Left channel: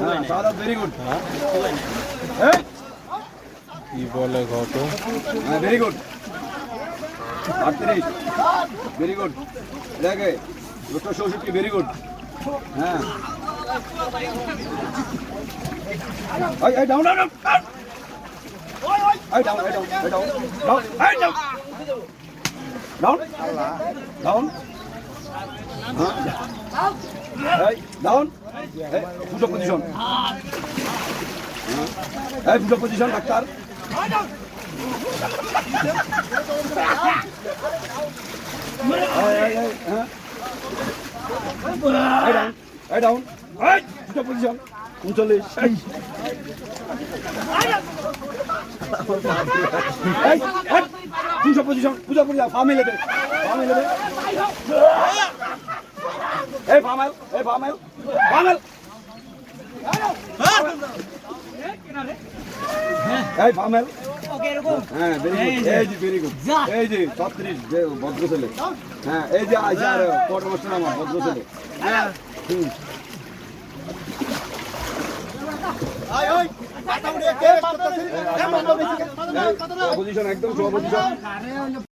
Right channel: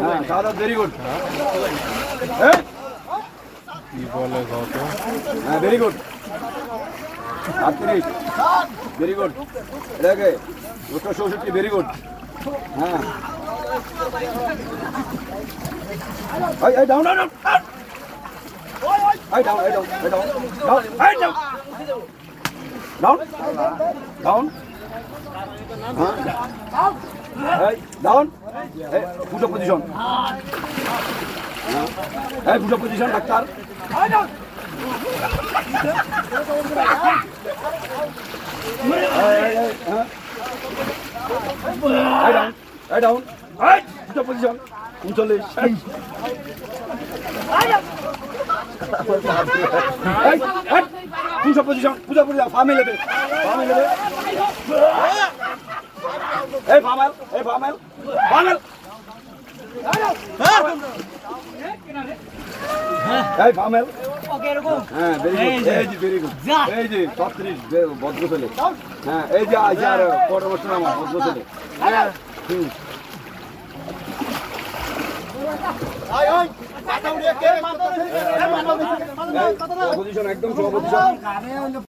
হ্যাঁ শাহাদাত very good. কি বলে কত? হ্যাঁ ভেরি গুড। 38 very good. দেখে 264 ভেরি গুড। হ্যাঁ এই ডাউন ডাউন ডাউন এই ডাউন এই ডাউন এই ডাউন ডাউন এই ডাউন ডাউন ডাউন হ্যাঁ এই ডাউন এই ফুটো পজিশন। হ্যাঁ এই ফুটো পজিশন ডাক্তার। এই ডাউন এই দুটো পজিশন 39 দুটো পজিশন পূজা পূজা ফার্মে লেবে এই ফার্মেল এই ফার্মেল হ্যাঁ ভেরি গুড। এই যে ভেরি গুড। এই যে 36 ভদ্র ছেলে। হ্যাঁ এই যে আইসার পরামর্শ নামা ভদ্র ছেলে। পজিশন একদম সব পজিশন।